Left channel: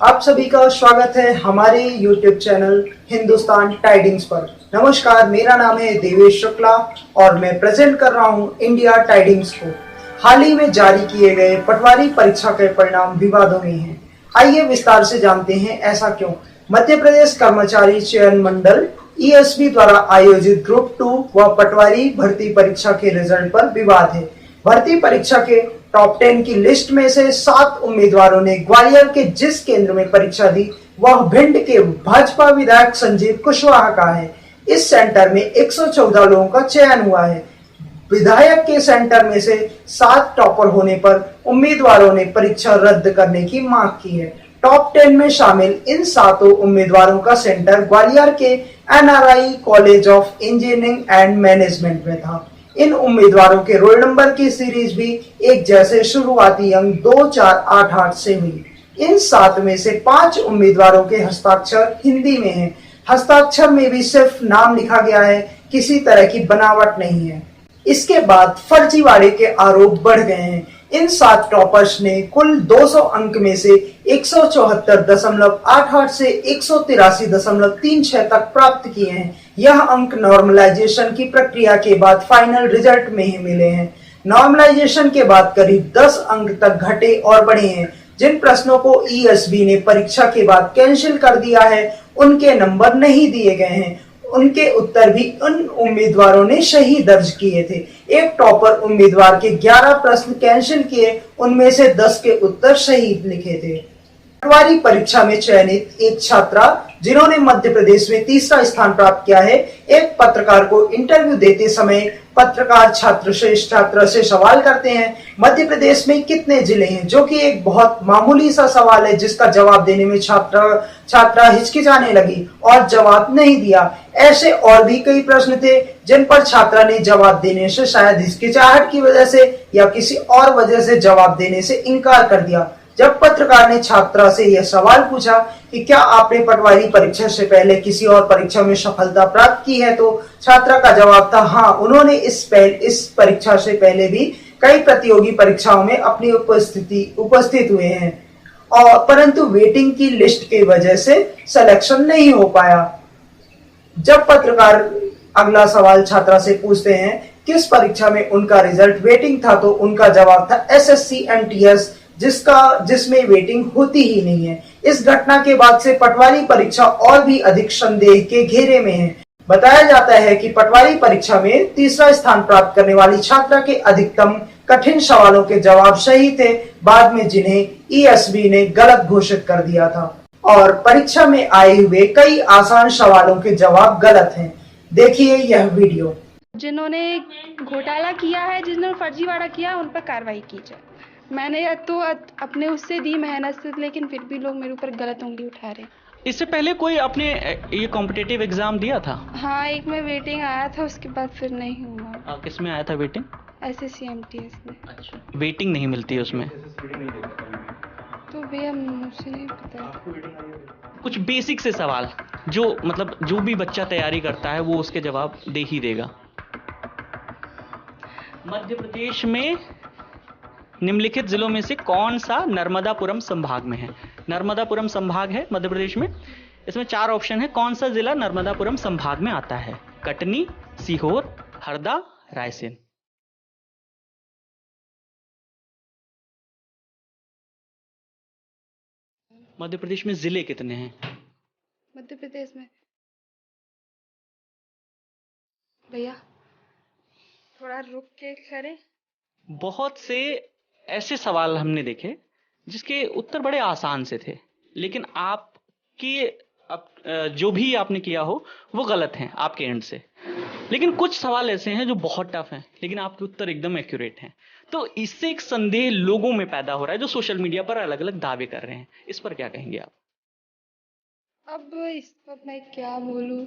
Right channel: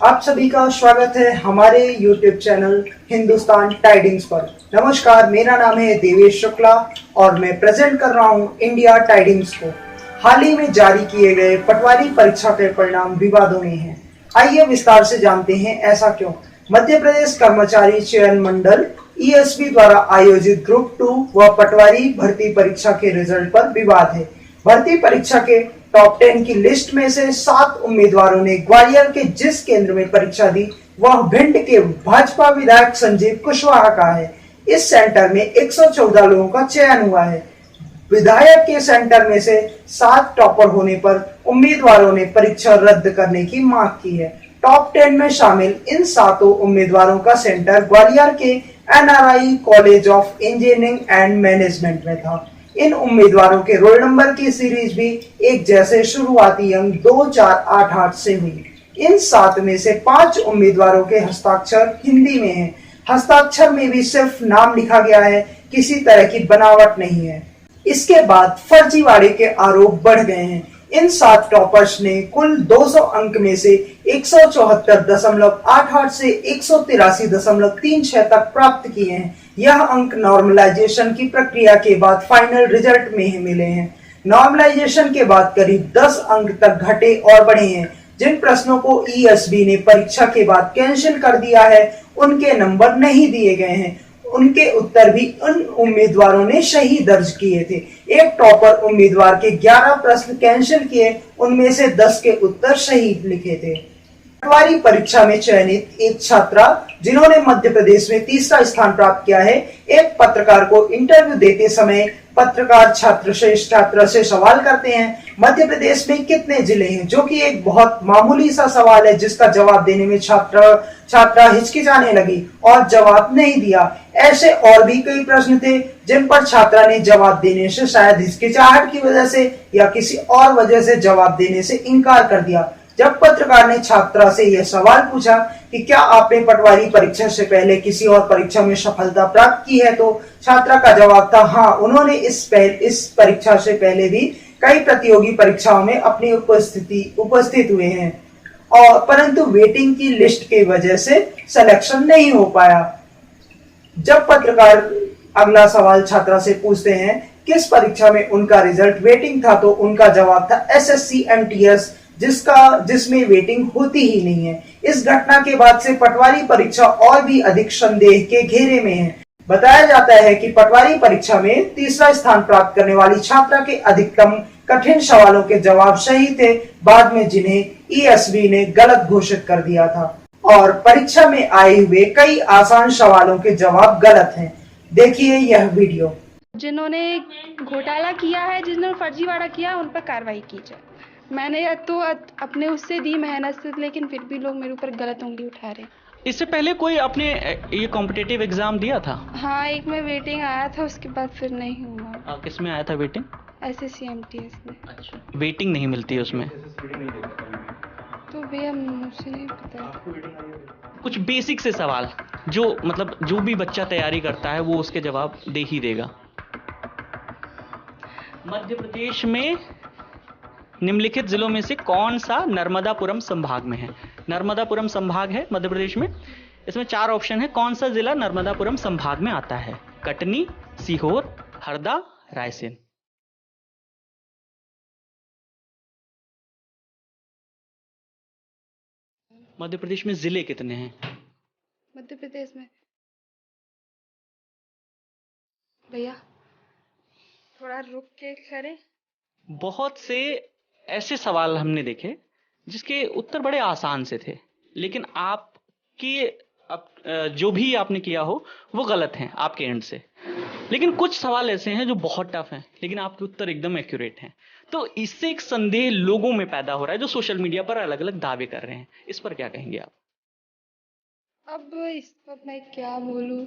आप सभी का स्वागत है हमारे YouTube चैनल हिंदुस्तान टाइडिंग्स पर। नमस्कार, मेरा नाम है देवेश शुक्ला और मैं प्रेजेंट कर रहा हूं इंडिया टाइडिंग्स को। हाल ही में जारी किए गए पटवारी परीक्षा के परिणाम विवादों में हैं। आइए विस्तार से जानते हैं ऐसा क्यों। मध्य प्रदेश कर्मचारी चयन मंडल ESB द्वारा आयोजित ग्रुप 2 व पटवारी भर्ती परीक्षा के रिजल्ट पर विवाद है। भर्ती परीक्षा के टॉप 10 की लिस्ट में से 7 उम्मीदवारों ने ग्वालियर के जिस केंद्र में परीक्षा दी वह भिंड के भाजपा विधायक संजीव कुशवाहा का है। इस सेंटर में 114 लोगों का चयन हुआ है। विधायक के सेंटर में से 7 टॉपर होने पर उम्मीदवारों ने परीक्षा रद्द करने की मांग की है। टॉप 10 में शामिल इन 7 उम्मीदवारों का सेंटर ग्वालियर के NRI college of engineering and management में था। इन उम्मीदवारों के रोल नंबर की सीरीज भी एक जैसे शुरुआती अंक 2488 से हुई। इन 7 में से 5 उम्मीदवारों के हस्ताक्षर हिंदी में हैं। हस्ताक्षर में भी सिर्फ नाम लिखा गया है, किसी तरह की बनावट नहीं है। इसके बाद फर्जीवाड़े के आरोप बढ़ गए हैं। इन 7 टॉपर्स ने कुल 200 अंक में से 174.88 से 183.36 तक प्राप्त किए हैं। यह अंक नॉर्मलाइजेशन की प्रक्रिया के बाद फाइनल रिजल्ट में मिले हैं। नॉर्मलाइजेशन के बाद करीब 10 अंक तक घटे और बढ़े हैं। जिन प्रश्नों को ESB ने परीक्षा के बाद कैंसिल कर दिया है उनके नंबर नहीं दिए गए हैं। उनके उत्तर भी उन उम्मीदवारों ने सही दर्ज किए थे। एक टॉपर उम्मीदवार के 11 प्रश्न कैंसिल किए, उनमें से 10 के उत्तर सही लिखे थे। पटवारी परीक्षा में चयनित एक छात्रा जिन्होंने मध्य प्रदेश में तीसरा स्थान प्राप्त किया है, एक पत्रकार को इंटरव्यू देते समय पत्रकार छात्र से सवाल करते हैं मध्य प्रदेश में कितने जिले हैं, जो कि एक बहुत मामूली सा सवाल है जिसका जवाब देने में छात्रा हिचकिचाने लगी और जवाब नहीं दिया। ऐसे और भी कई प्रश्न थे जिन पर छात्रा ने जवाब देने से शायद हिचकिचाहट की वजह से या किसी और वजह से जवाब देने से इनकार कर दिया। जब पत्रकार ने छात्रा से यह सवाल पूछा कि क्या आपने पटवारी परीक्षा से पहले किसी और परीक्षा में सफलता प्राप्त की है, तो छात्रा का जवाब था हाँ, उन्होंने इस परीक्षा से पहले भी कई प्रतियोगी परीक्षाओं में अपनी उपस्थित हुए हैं और परंतु वेटिंग की लिस्ट की वजह से सिलेक्शन नहीं हो पाया। जब पत्रकार अगला सवाल छात्रा से पूछते हैं किस परीक्षा में उनका रिजल्ट वेटिंग था, तो उनका जवाब था SSC MTS, जिसमें वेटिंग होती ही नहीं है। इस घटना के बाद से पटवारी परीक्षा और भी अधिक संदेह के घेरे में है। बताया जाता है कि पटवारी परीक्षा में तीसरा स्थान प्राप्त करने वाली छात्रा के अधिकतम कठिन सवालों के जवाब सही थे, बाद में जिन्हें ESB ने गलत घोषित कर दिया था और परीक्षा में आए हुए कई आसान सवालों के जवाब गलत हैं। देखिए यह वीडियो। जिन्होंने घोटाला किया है, जिन्होंने फर्जीवाड़ा किया, उन पर कार्रवाई की जाए। मैंने तो अपने उससे दी मेहनत से, लेकिन फिर भी लोग मेरे ऊपर गलत उंगली उठा रहे हैं। इससे पहले कोई आपने ये कॉम्पिटिटिव एग्जाम दिया था? हाँ, एक में वेटिंग आया था, उसके बाद फिर नहीं हुआ। किस में आया था वेटिंग? SSC MTS में। अच्छा, वेटिंग नहीं मिलती है उसमें? तो भैया मुझे नहीं पता। कुछ बेसिक से सवाल जो मतलब जो भी बच्चा तैयारी करता है वो उसके जवाब दे ही देगा। मध्य प्रदेश में निम्नलिखित जिलों में से कौन सा नर्मदापुरम संभाग में है? नर्मदापुरम संभाग है मध्य प्रदेश में। इसमें 4 ऑप्शन है। कौन सा जिला नर्मदापुरम संभाग में आता है? कटनी, सीहोर, हरदा, रायसेन। मध्य प्रदेश में जिले कितने हैं? मध्य प्रदेश में भैया थोड़ा रुक के करें। बहुत से ऐसे सवाल हमने देखे जिसके उत्तर बड़े आसान से थे, लेकिन जो भी आपने किया हो वो गलत हैं आपके एंड से। लेकिन कुछ सवाल ऐसे हैं जो बहुत टफ हैं, लेकिन आपके उत्तर एकदम एक्यूरेट हैं। तो इससे एक संदेह लोगों में पैदा हो रहा है जो सोशल मीडिया पर अलग अलग दावे कर रहे हैं। इस पर क्या कहेंगे आप? अब इस पर मैं क्या बोलूं?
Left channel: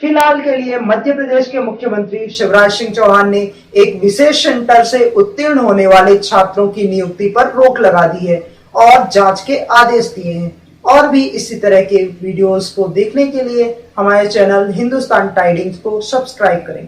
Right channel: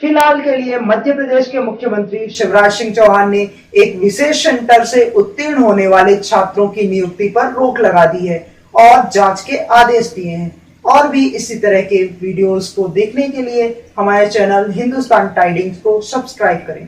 फिलहाल के लिए मध्य प्रदेश के मुख्यमंत्री शिवराज सिंह चौहान ने एक विशेष सेंटर से उत्तीर्ण होने वाले छात्रों की नियुक्ति पर रोक लगा दी है और जांच के आदेश दिए हैं। और भी इसी तरह के वीडियोस को देखने के लिए हमारे चैनल हिंदुस्तान टाइडिंग्स को सब्सक्राइब करें।